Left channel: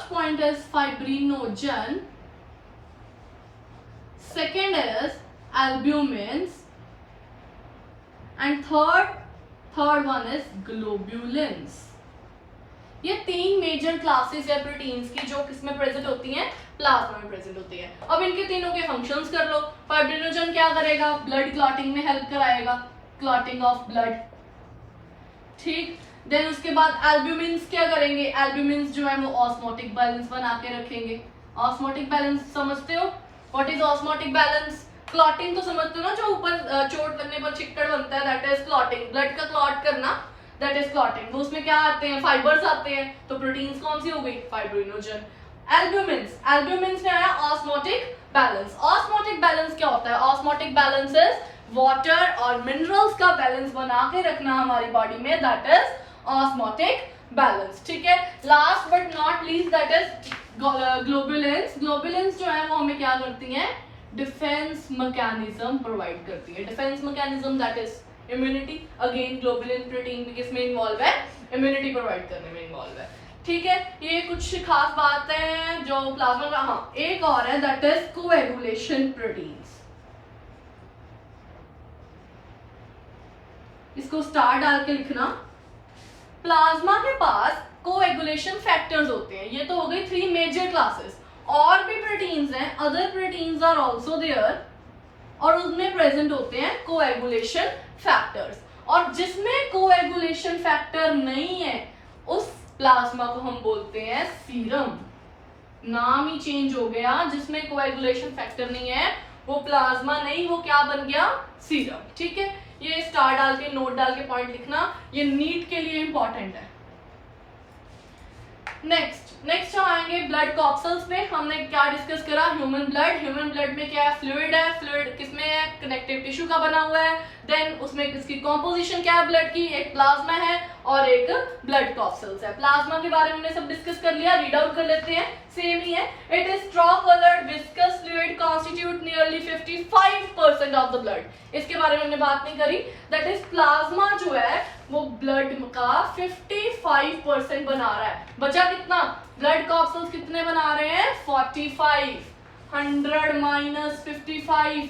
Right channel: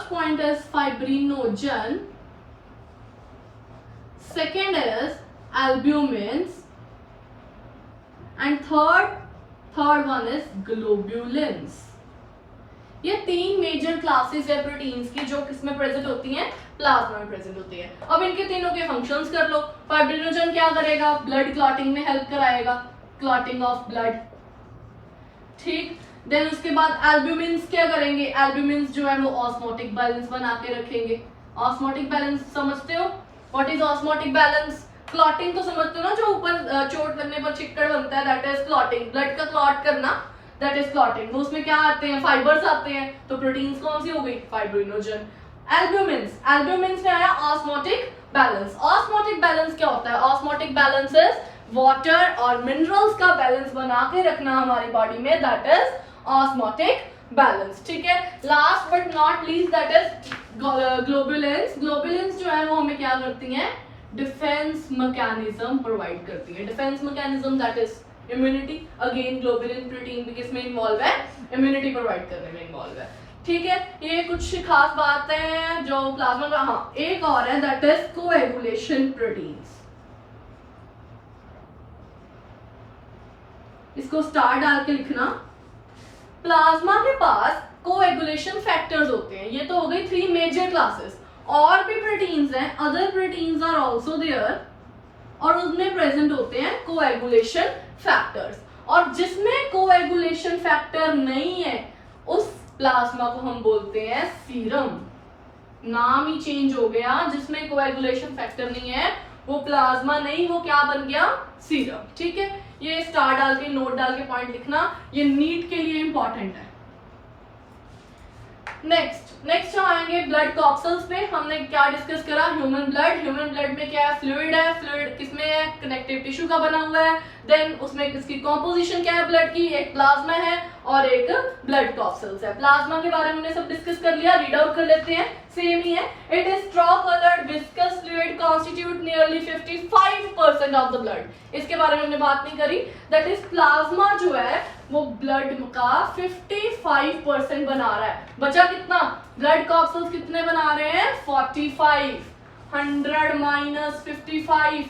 first point is fibrinogen, second is albumins, and third one is globulins. ये तीन major classes है proteins की जो किसमें प्रेजेंट होती हैं, प्लाज्मा में प्रेजेंट होती है. अब इनके तीनों के फंक्शंस कर लो. फाइब्रिनोजन क्या करेगा, ब्लड क्लॉटिंग में हेल्प कराएगा, क्लॉटिंग ऑफ ब्लड. ठीक. देन उसके बाद एल्ब्यूमिन्स क्या करेंगे, एल्ब्यूमिन्स जो है वो ऑस्मोटिक बैलेंस बना के रखेंगे. ऑस्मोटिक बैलेंस समझते हो, what is osmotic balance? Clotting तो समझते हो ना, जो ऊपर चोट बनने पर चिक्कड़ बनता है, दैट इज क्लॉटिंग. ब्लड का क्लॉट करना, दैट इज क्लॉटिंग. वो उसमें क्या आते हैं, फाइबर्स आते हैं. तो प्रोटीन्स कौन सी हो गई, फाइब्रिनोजन. एल्ब्यूमिन्स में आया ऑस्मोटिक बैलेंस. ऑस्मोटिक बैलेंस क्या होता है, ऑस्मोटिक बैलेंस इज वाटर और मिनरल्स का बैलेंस बना के रखना हमारी बॉडी में, दैट इज ऑस्मोटिक बैलेंस. ठीक है. Last but not least that is globulins. Globulins जो है वो हमें क्या करती हैं, डिफेंस मैकेनिज्म प्रोवाइड करती है. Defence mechanism that is immunity. Again globulin protein भी किसमें इन्वॉल्व है, इम्यूनिटी प्रोवाइड करने में इन्वॉल्व है. ठीक है. ये कुछ खास बात है जो प्लाज्मा का. हाँ, एक और है दैट इज कोएगुलेशन प्रोटीन्स. इसको स्टार डाल के लिखना. प्लाज्मा के पास कोएगुलेशन फैक्टर्स होते हैं. ये तो हो गई 3 मेजर क्लासेस. और भी प्रोटीन्स हैं, other proteins are also there, और उसमें प्रेजेंट होते हैं कोएगुलेशन फैक्टर्स. और जिसमें कोएगुलेशन फैक्टर नहीं है उस प्लाज्मा को हम बोलते हैं सीरम. नाम ही चेंज हो गया. जिसमें कोएगुलेशन फैक्टर नहीं है वो प्लाज्मा नहीं, वो क्या बन गया, सीरम. ठीक है. ये स्टार डाल के, नोट डाल के पॉइंट लिखना, ये नीट के लिए इंपॉर्टेंट है. नेक्स्ट हम आएंगे ब्लड कॉप्सल्स पे. हमने क्या डिस्कस करा, ह्यूमन ब्लड में क्या है, फ्लूइड है. फ्लूइड किसमें है, कनेक्टिव टिश्यू का बना हुआ है. देन उसमें किसकी कॉम्पोजिशन क्या है ब्लड की, एक प्लाज्मा है और एक ब्लड कॉप्सल्स है. प्लाज्मा के बारे में हमने सब डिस्कस कर लिया, रीड आउट कर लेते हैं. सेम ही है. It is straw coloured viscous fluid constitute nearly 55% of the blood. इसके बारे में हमने बात नहीं करी. दैट इज प्लाज्मा जो है वो ब्लड का 55% बना रहा है. बचा कितना, ब्लड कॉप्सल्स कितने बना रहे हैं, 45. 100 minus 55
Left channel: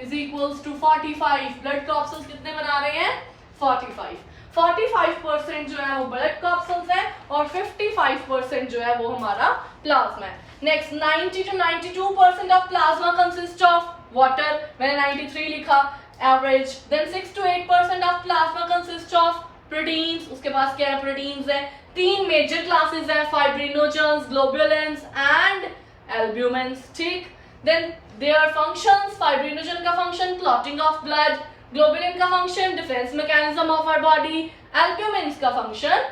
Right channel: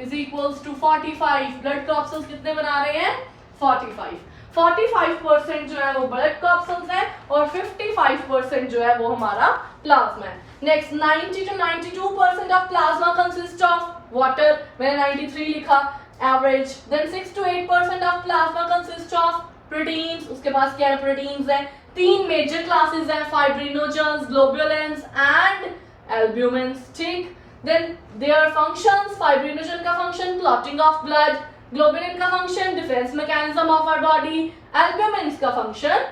is equals to 45. Blood corpuscles कितने बना रहे हैं, 45. 45% जो है वो ब्लड कॉप्सल्स है और 55% जो है वो हमारा प्लाज्मा है. Next 90 to 92% of plasma consist of water. मैंने 93 लिखा average. Then 6 to 8% of plasma consist of proteins. उसके पास क्या है, प्रोटीन्स है. 3 मेजर क्लासेस हैं, फाइब्रिनोजेंस, ग्लोबुलिन्स एंड एल्ब्यूमिन्स. ठीक. देन देयर फंक्शंस, फाइब्रिनोजन का function clotting of blood, globulin का function defence mechanism of our body, albumins का function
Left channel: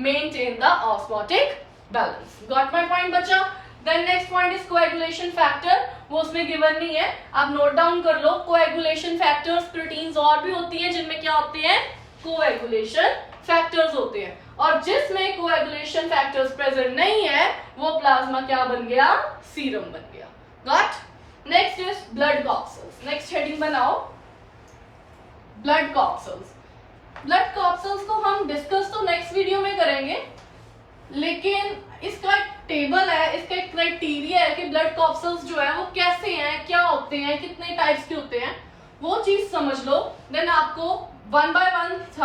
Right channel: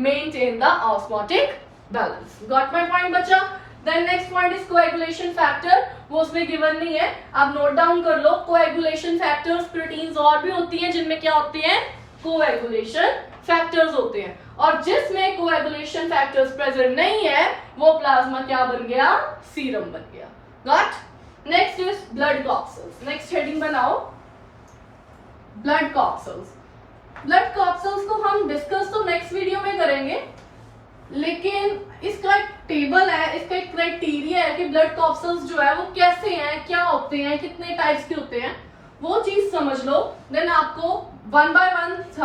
maintain the osmotic balance. Got my point बच्चा. Then next point is coagulation factor. वो उसमें given नहीं है, आप note down कर लो. कोएगुलेशन फैक्टर्स प्रोटीन्स और भी होती हैं जिनमें क्या होते हैं, कोएगुलेशन फैक्टर्स होते हैं. और जिसमें कोएगुलेशन फैक्टर्स प्रेजेंट नहीं है वो प्लाज्मा क्या बन गया, सीरम बन गया. Got. Next is blood corpuscles. Next heading बनाओ, ब्लड कॉप्सल्स. ब्लड कॉप्सल्स को हम डिस्कस तो नेक्स्ट वीडियो में करेंगे, लेकिन इसका एक टेबल है, इसका एक क्राइटेरिया है कि ब्लड कॉप्सल्स जो है वो कैसे हैं, क्या होते हैं, कितने टाइप्स के होते हैं, वो चीज समझ लो. देन आपको 1 by 1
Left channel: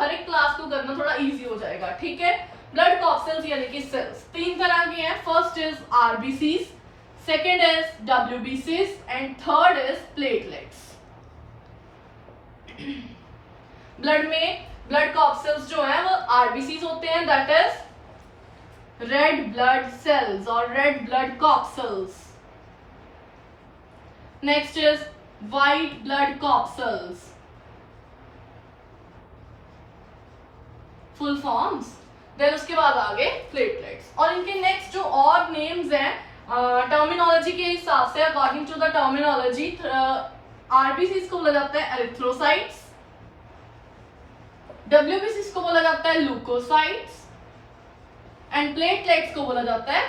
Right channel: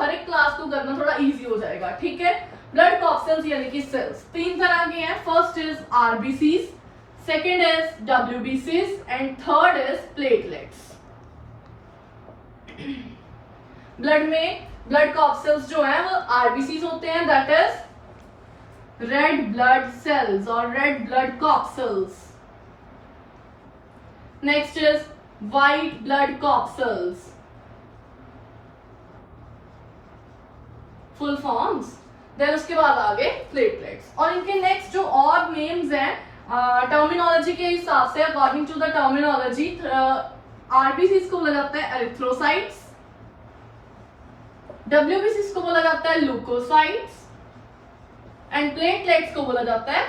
हर एक क्लास को करना थोड़ा इजी हो जाएगा. ठीक है. ब्लड कॉप्सल्स यानी कि सेल्स 3 तरह के हैं. First is RBCs, second is डब्ल्यूबीसीज and third is platelets. Blood में ब्लड कॉप्सल्स जो है वो आरबीसीज होते हैं, that is red blood cells और red blood corpuscles. Next is white blood corpuscles, full forms. Then उसके बाद आगे प्लेटलेट्स. और इनके नेक्स्ट जो और नेम्स हैं टर्मिनोलॉजी के हिसाब से, according to the terminology, RBCs को बोला जाता है एरिथ्रोसाइट्स, डब्ल्यूबीसीज को बोला जाता है ल्यूकोसाइट्स एंड प्लेटलेट्स को बोला जाता है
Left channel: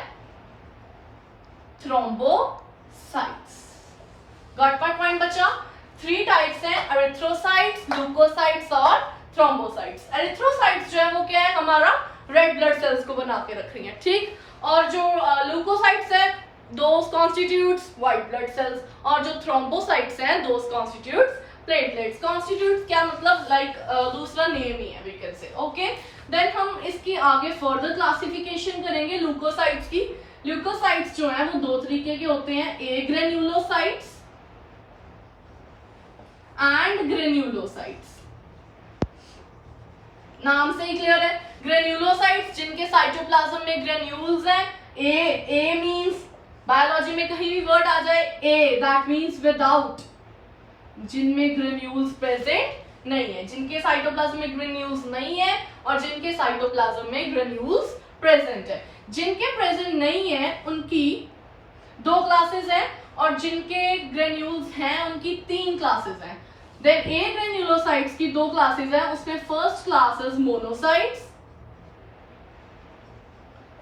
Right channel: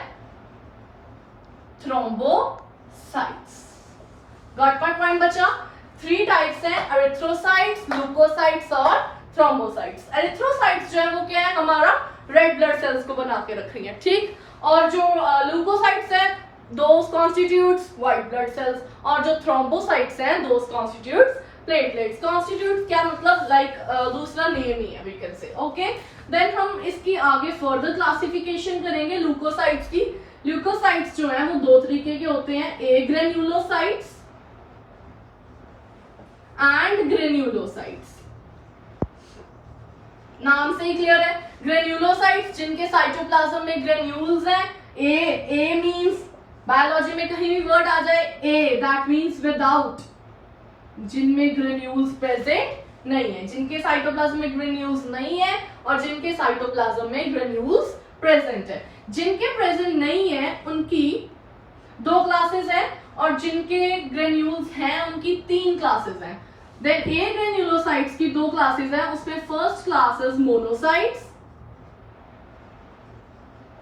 थ्रोम्बोसाइट्स. गॉट माय पॉइंट बच्चा. 3 टाइप्स हैं, एरिथ्रोसाइट्स, ल्यूकोसाइट्स और थ्रोम्बोसाइट्स. एरिथ्रोसाइट्स जो है वो क्या है, हमारा रेड ब्लड सेल्स को बना के रख रही हैं, ठीक। और जो ल्यूकोसाइट्स है दोस कॉन्स्टिट्यूट्स व्हाइट ब्लड सेल्स, और जो थ्रोम्बोसाइट्स हैं दोस कॉन्स्टिट्यूट्स प्लेटलेट्स। कॉन्स्टिट्यूट्स क्या मतलब, लाइक दूसरा नेम ही है we can say, okay. Then हम इसकी आगे फर्दर क्लासिफिकेशन करेंगे ल्यूकोसाइट्स की। ल्यूकोसाइट्स जो है वो दो तरीके के होते हैं, ए ग्रेन्युलोसाइट्स एंड ग्रेन्युलोसाइट्स। नाम से ही क्लियर है, ग्रेन्युलोसाइट्स जिनके साइटोप्लाज्म में ग्रेन्यूल्स हैं। ए मींस बायोलॉजी में कहीं भी वर्ड आ जाए ए, दैट मींस विदाउट, जिनमें ग्रेन्यूल्स प्रेजेंट नहीं है, जिनके साइटोप्लाज्म में ग्रेन्यूल्स नहीं है और जिनके साइटोप्लाज्म में ग्रेन्यूल्स प्रेजेंट है। जिनके प्रेजेंट नहीं है उनकी दो क्लासेस हैं और जिनके ग्रेन्यूल्स हैं उनकी तीन क्लासेस हैं। देन ए ग्रेन्युलोसाइट्स की दो क्लासेस हैं, उसमें first class is monocytes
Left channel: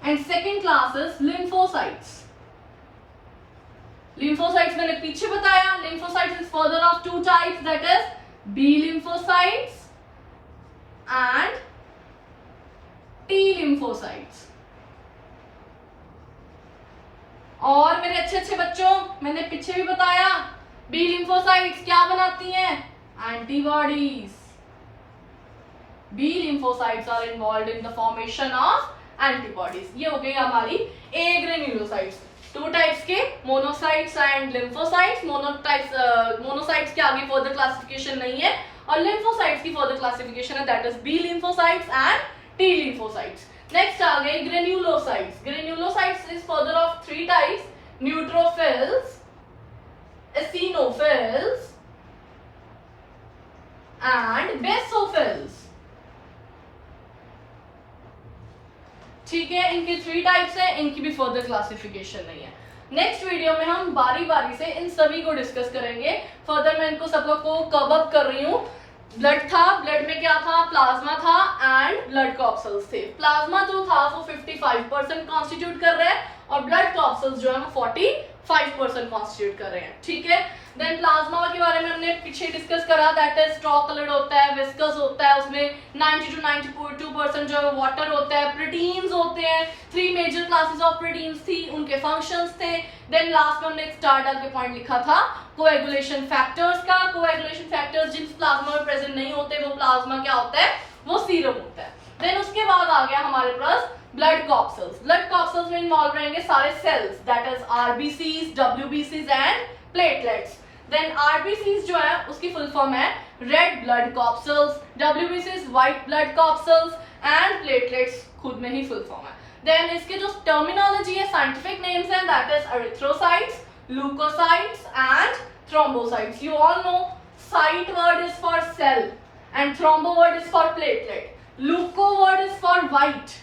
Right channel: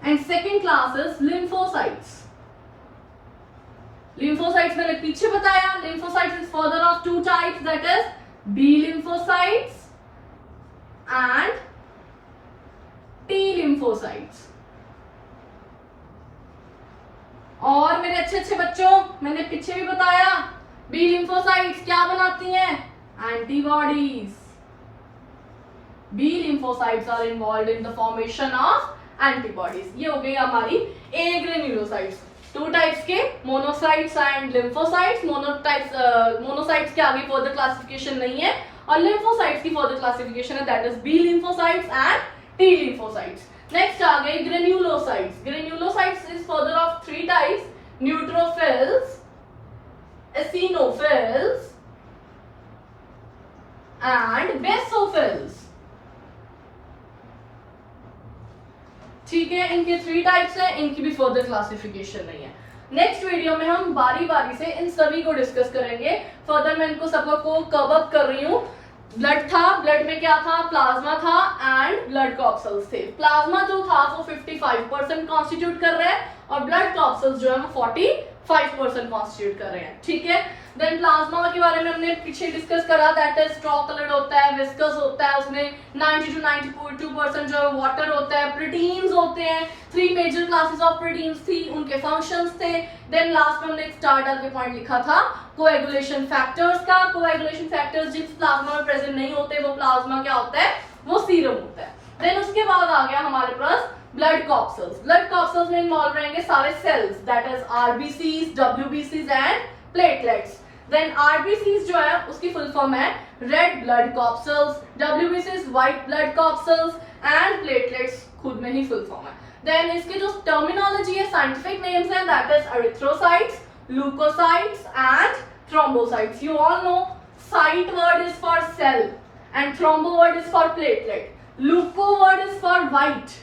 and second class is lymphocytes. Lymphocytes मैंने पीछे बताया, lymphocytes is further of two types, that is B lymphocytes and T lymphocytes. और मेरे अच्छे अच्छे बच्चों, मैंने पीछे भी बताया बी लिम्फोसाइट्स क्या बनाती हैं, antibodies. B lymphocytes are involved in the formation of antibodies. ये हो गई हमारी ए ग्रेन्युलोसाइट्स, टू टाइप्स के, मोनोसाइट्स एंड लिम्फोसाइट्स। मोनोसाइट्स के आगे फर्दर क्लासिफिकेशन नहीं है और लिम्फोसाइट्स की फर्दर क्लासिफिकेशन है, that is B lymphocytes and T lymphocytes. Next आ गए granulocytes. Granulocytes is further of three types, neutrophils, eosinophils and basophils. ठीक है, इनके थ्री टाइप्स है, इनकी भी फर्दर क्लासिफिकेशन नहीं है। नेक्स्ट वीडियो में हम बारी बारी से इन सभी को डिस्कस करेंगे। फर्दर मैं इनको सबको कवर अप कर रही हूँ। ब्लड था, ब्लड में क्या था, प्लाज्मा था एंड ब्लड कॉर्पसेल्स थे। प्लाज्मा जो था वो 55% कॉन्स्टिट्यूट कर रहा है और ब्लड कॉर्पसेल्स जो है वो 45% कॉन्स्टिट्यूट कर रहे हैं, ठीक है। देन प्लाज्मा के बारे में हमने पीछे डिस्कस करा, दैट इज स्ट्रॉ कलर्ड होता है, विस्कस होता है, उसमें 90 to 92% जो है वाटर होता है। प्रोटीन्स होते हैं, three major classes of proteins थी, उनके फंक्शंस थे। देन लास्ट में हमने एक स्टार डाल के पॉइंट लिखा था कोएगुलेशन फैक्टर्स का। कोएगुलेशन फैक्टर्स जिस प्लाज्मा में प्रेजेंट नहीं होते वो प्लाज्मा क्या होता है, वो सीरम होता है। देन उसके बाद आ गया हमारे पास ब्लड कॉर्पसेल्स। ब्लड कॉर्पसेल्स में इन्वॉल्व रहेंगे सारे सेल्स, दैट इज आरबीसीज, डब्ल्यूबीसीज एंड प्लेटलेट्स। देन आरबीसीज जो है उसकी फुल फॉर्म है रेड ब्लड कॉर्पसेल्स, डब्ल्यूबीसीज white blood corpuscles and platelets खुद में ही फुल फॉर्म है। देन इसके जो टर्मिनोलॉजी है, साइंटिफिक नेम्स हैं, that is erythrocytes, leukocytes and thrombocytes. You all know cyte word is for cell and thrombo word is for platelet. Leuko word is for white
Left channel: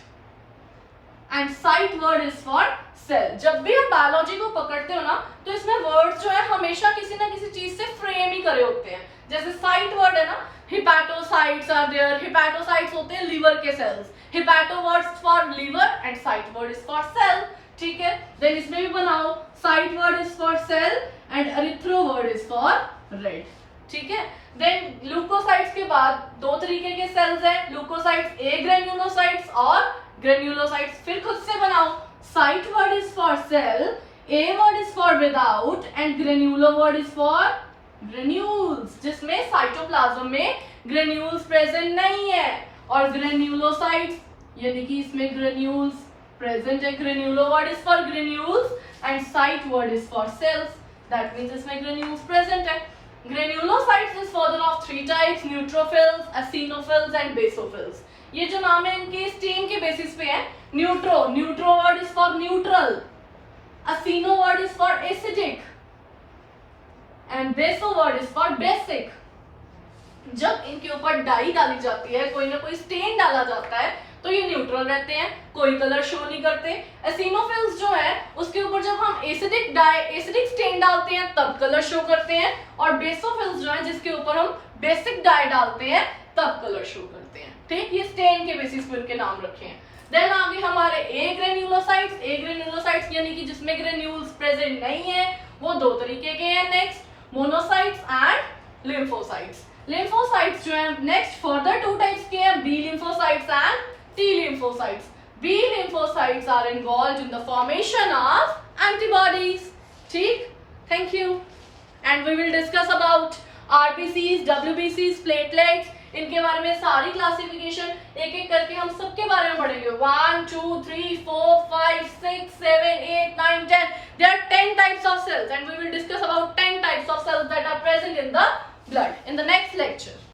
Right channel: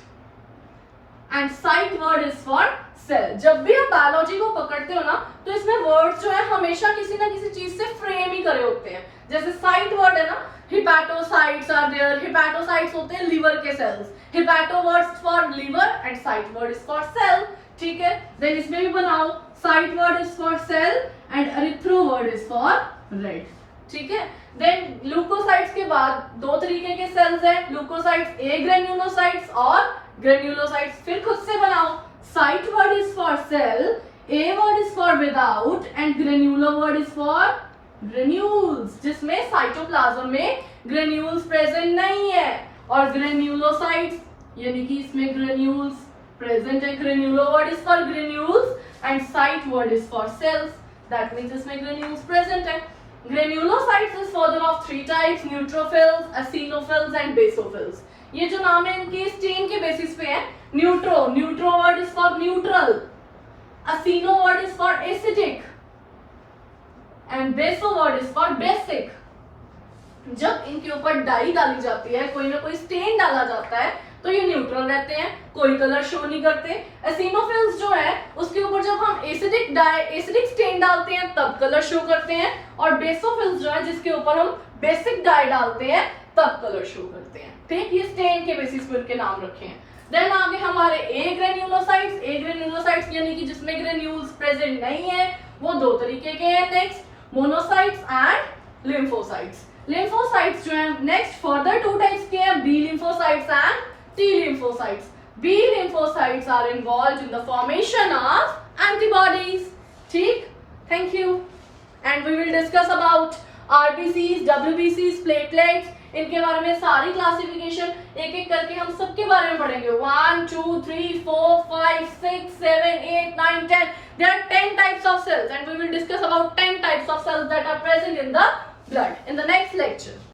and cyte word is for cell. जब भी आप biology को पकड़ते हो ना तो इसमें words जो है हमेशा किसी ना किसी चीज से फ्रेम ही करे होते हैं। जैसे साइट वर्ड है ना, हिपैटोसाइट्स आर देयर, हिपैटोसाइट्स होते हैं लीवर के cells, hepato words for liver and cyte word is for cell, ठीक है। देन इसमें भी बनाओ, cyte word is for cell and erythro word is for red, ठीक है। देन ल्यूकोसाइट्स के बाद दो तरीके के सेल्स हैं, ल्यूकोसाइट्स ए ग्रेन्युलोसाइट्स और ग्रेन्युलोसाइट्स। फिर खुद से बनाओ, cyte word is for cell, a word is for without and granulo word is for granules, जिसमें साइटोप्लाज्म में ग्रेन्यूल्स प्रेजेंट नहीं है। और ग्रेन्युलोसाइट्स यानी कि इसमें ग्रेन्यूल्स present है, granular word is for granules and site word is for cells, that means इसमें granules present है। Granulocytes is further of three types, neutrophils, eosinophils and basophils। ये जो नाम है इनकी स्टेन के बेसिस पे है। न्यूट्रो word is for neutral, eosino word is for acidic and baso word is for basic। जब इनके ऊपर डाई डाली जाती है, कोई ना कोई स्टेन डाला जाता है तो ये न्यूट्रल रहते हैं, कोई कलर शो नहीं करते। एसिनोफिल्स जो है उसके ऊपर जब हम एसिडिक स्टेन डालते हैं तब कलर शो करते हैं, और बेसोफिल्स जो है जिसके ऊपर हम बेसिक डाई डालते हैं तब कलर शो करते हैं, ठीक। ये स्टेन के बेसिस पे उनके नाम रखे हैं। देन आगे हमारे ए ग्रेन्युलोसाइट्स। ए ग्रेन्युलोसाइट्स यानी कि जिसमें ग्रेन्यूल्स प्रेजेंट नहीं है, वो दो तरीके के हैं। Next monocytes and lymphocytes. Lymphocytes जो है नेक्स्ट फर्दर टू टाइप्स के हैं, B lymphocytes and T lymphocytes. B lymphocytes are involved in the formation of antibodies. ठीक? Thank you. And we will discuss about RBCs, WBCs, platelets. इनके बारे में सारी classification एक एक करके हम सबके बारे में पढ़ेंगे. 1, 2, 3, 4, 5, 6, 7, 8, 9, 10. There are 10 types of cells and we will discuss about 10 types of cells that are present in the blood in the next lecture.